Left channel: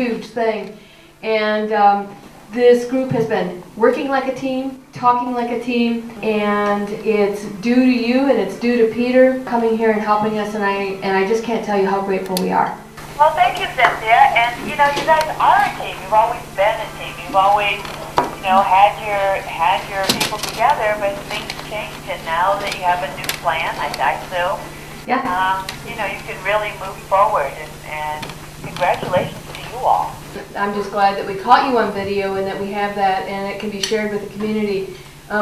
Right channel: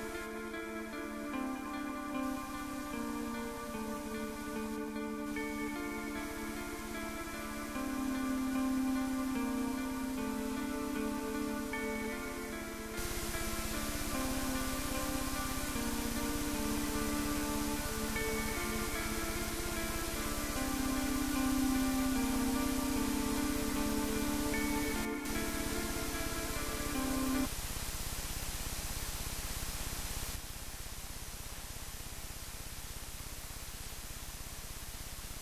huge thing. And this group has been working like a team, talking like a team, and it's due to you and it's due to Peter coming here and helping us, and I just can't tell you how grateful we are. Well, thank you, Cynthia. And you know, you guys are a team. You've always been a team. You've always, you know, had your people together, but things changed, and now that you have a new plan, I assume, yeah. You know, you can really move forward, and congratulations to you all. I'm just glad that we caught you on video and that we have that and it can be shared with the community.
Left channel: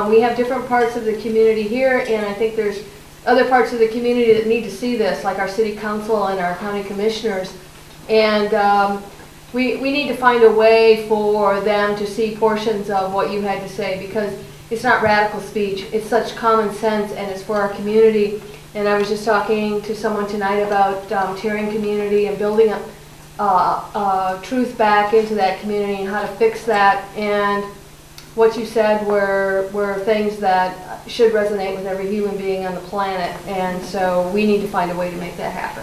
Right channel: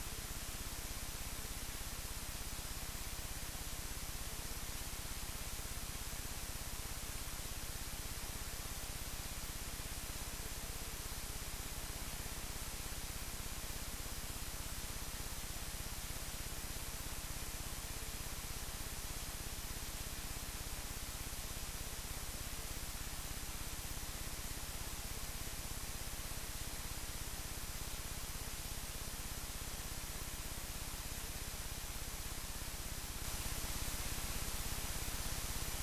We have different parts of the community here, and I think there's other parts of the community that need to see this, like our city council and our county commissioners. And we need to find a way for them to see portions of what you had to say, because it's not radical speech. It's such common sense, and it's for our community. And I was just talking to someone tonight about tiering community and building up truth back into that community and how to fix that. And what you said were things that should resonate with every human being on the planet. And so we need to find a way to make that happen.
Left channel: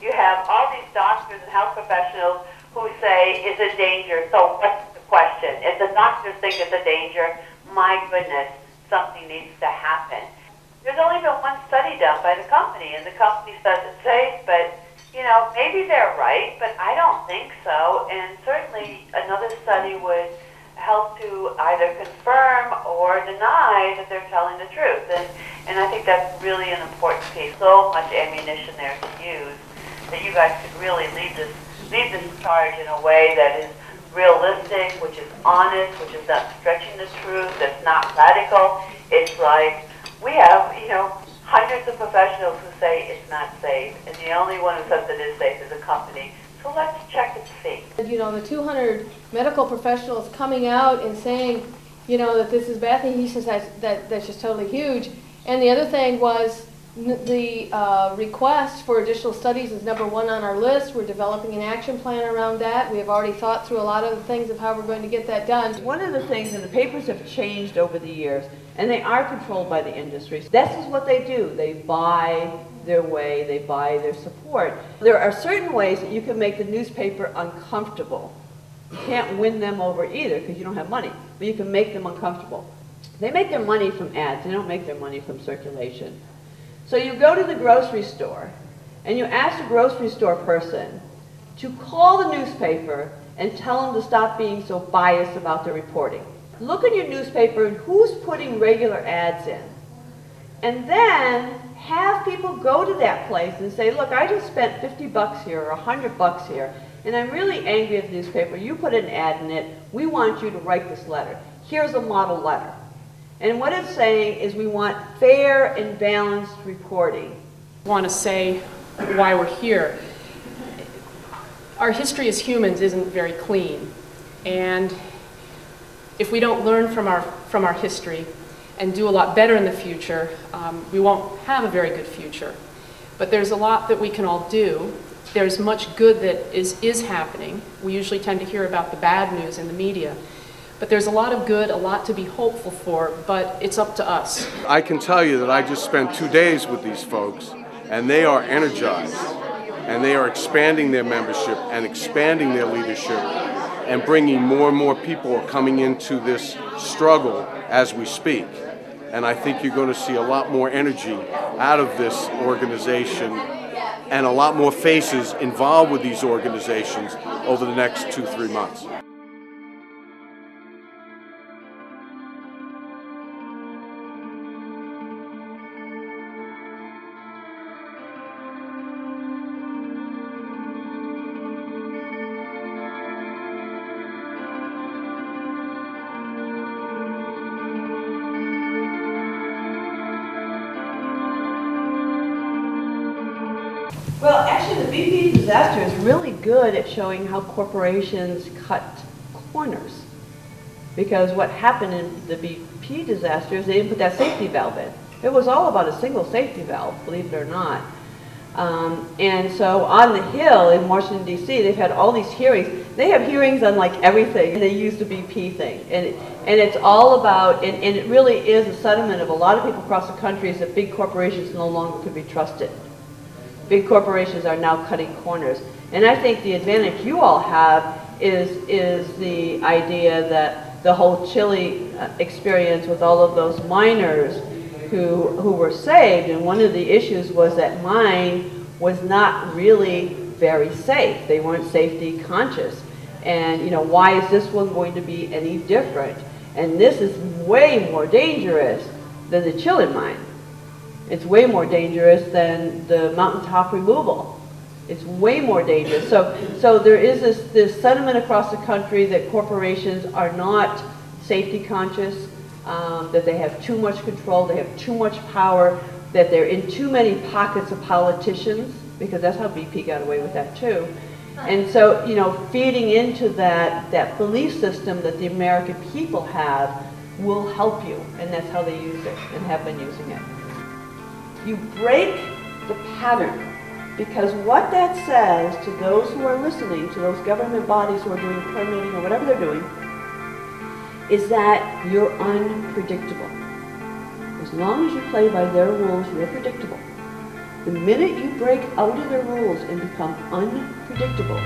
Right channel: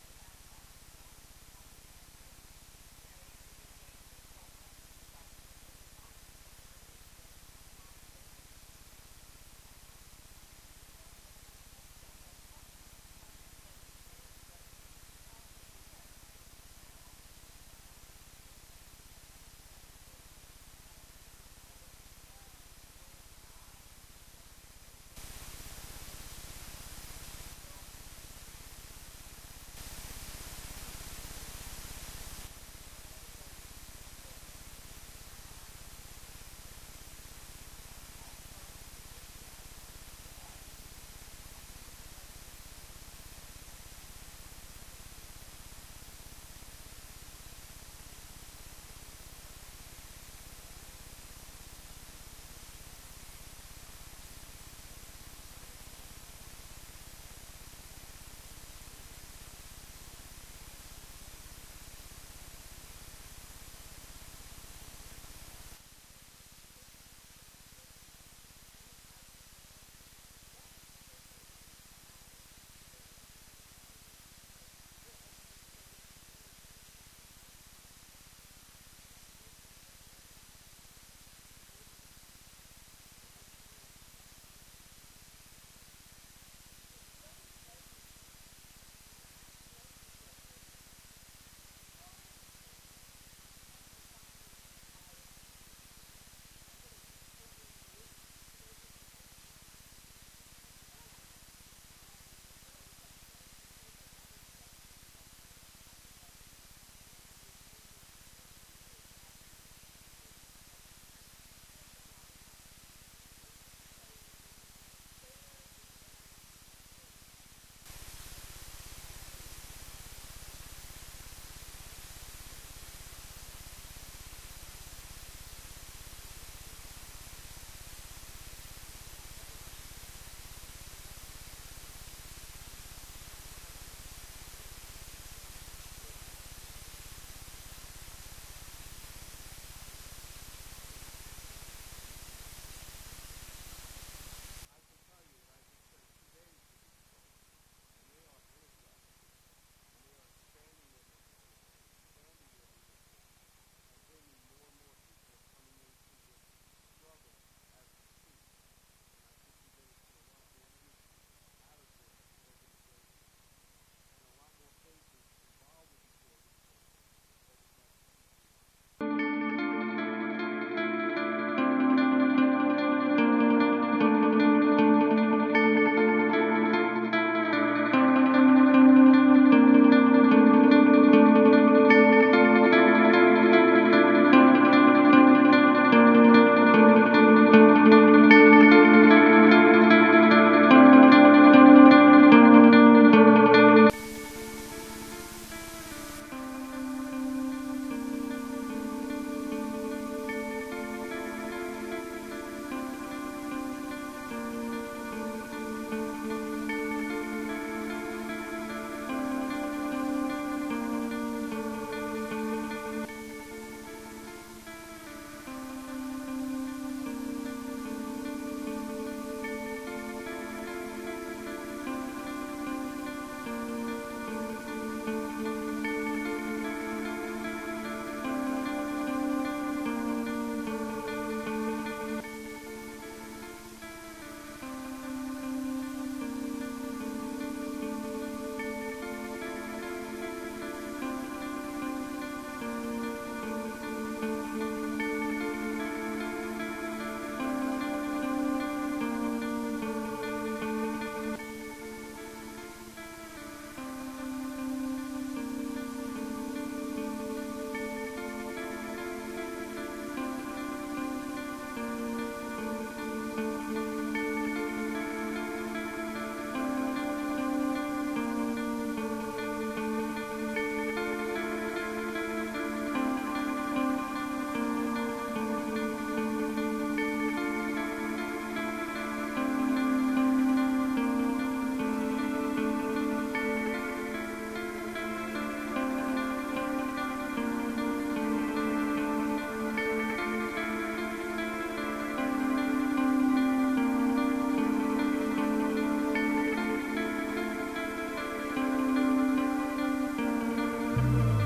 You have all these doctors and health professionals who say, is it danger? So what's the question? If the doctors think it's a danger, my goodness, something needs to happen. There's only been one study done by the company, and the company says it's safe, but you know, maybe they're right, but I don't think so. And certainly another study would help to either confirm or deny that they're telling the truth. And I think that's really an important piece. So much ammunition there to use, that you guys could really lead this charge in a way that is realistic, which is honest, which is not stretching the truth, that's not radical. It's like, we have, you know, hundreds of professionals who say it's not safe, and the only one who says it is safe is a company. So let's check and see. You know, the 200 medical professionals coming out and saying, you know, that this is a bad thing, he says that's just totally huge. And the other thing was the request for additional studies is #1 on our list. We're developing an action plan around that. We have already thought through a lot of the things of how we're going to get that done. One of the things, and the papers have changed over the years, and they are controlled by the industry. This is what they do. They buy their way, they buy their support. There are certain ways that you can make the newspaper uncomfortable. You can't win them over either because you don't have money, but you can make them uncomfortable. They make their money from ads. They don't make their money from circulation. So you go to the grocery store and you ask the grocery store person to call the newspaper and tell them to stop being so biased about their reporting. Look in your newspaper and who's putting regular ads in. And then have people go to that place and say, look, I just spent 50 bucks here or 100 bucks here, and I'm really angry at the newspaper. You put an ad in it. We want you to write this letter. Here's a model letter. And what it's saying is we want fair and balanced reporting. I want to say why we're here. Our history as humans isn't very clean. And if we don't learn from our history and do a lot better in the future, we won't have a very good future. But there's a lot that we can all do. There's much good that is happening. We usually tend to hear about the bad news in the media. But there's a lot of good, a lot to be hopeful for, but it's up to us. I can tell you that I just spent 2 days with these folks, and they are energized, and they are expanding their membership and expanding their leadership, and bringing more and more people coming into this struggle as we speak. And I think you're going to see a lot more energy out of this organization and a lot more faces involved with these organizations over the next 2-3 months. At showing how corporations cut corners, because what happened in the BP disaster is they didn't put that safety valve in. It was all about a single safety valve, believe it or not. And so on the Hill in Washington, D.C., they've had all these hearings. They have hearings on like everything. They use the BP thing. And it's all about, and it really is a sentiment of a lot of people across the country, is that big corporations no longer can be trusted. big corporations are now cutting corners. And I think the advantage you all have is the idea that the whole Chile experience with all of those miners who were saved, and one of the issues was that mine was not really very safe. They weren't safety conscious. And you know, why is this one going to be any different? And this is way more dangerous than the Chile mine. It's way more dangerous than the mountaintop removal. It's way more dangerous. So there is this sentiment across the country that corporations are not safety conscious, that they have too much control, they have too much power, that they're in too many pockets of politicians, because that's how BP got away with that too. And so, you know, feeding into that belief system that the American people have will help you, and that's how they use it and have been using it. You break the pattern, because what that says to those who are listening, to those government bodies who are doing permitting or whatever they're doing, is that you're unpredictable. As long as you play by their rules, you're predictable. The minute you break out of their rules and become unpredictable,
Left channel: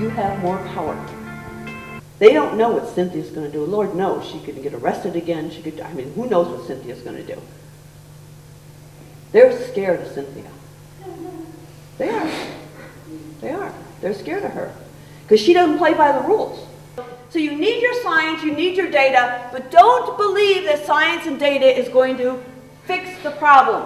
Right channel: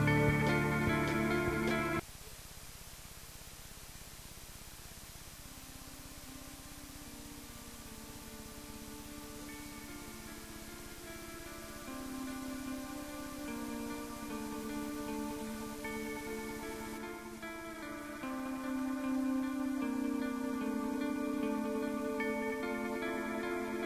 you have more power. They don't know what Cynthia's going to do. Lord knows she could get arrested again. She could, I mean, who knows what Cynthia's going to do? They're scared of Cynthia. They are. They are. They're scared of her because she doesn't play by the rules. So you need your science, you need your data, but don't believe that science and data is going to fix the problem.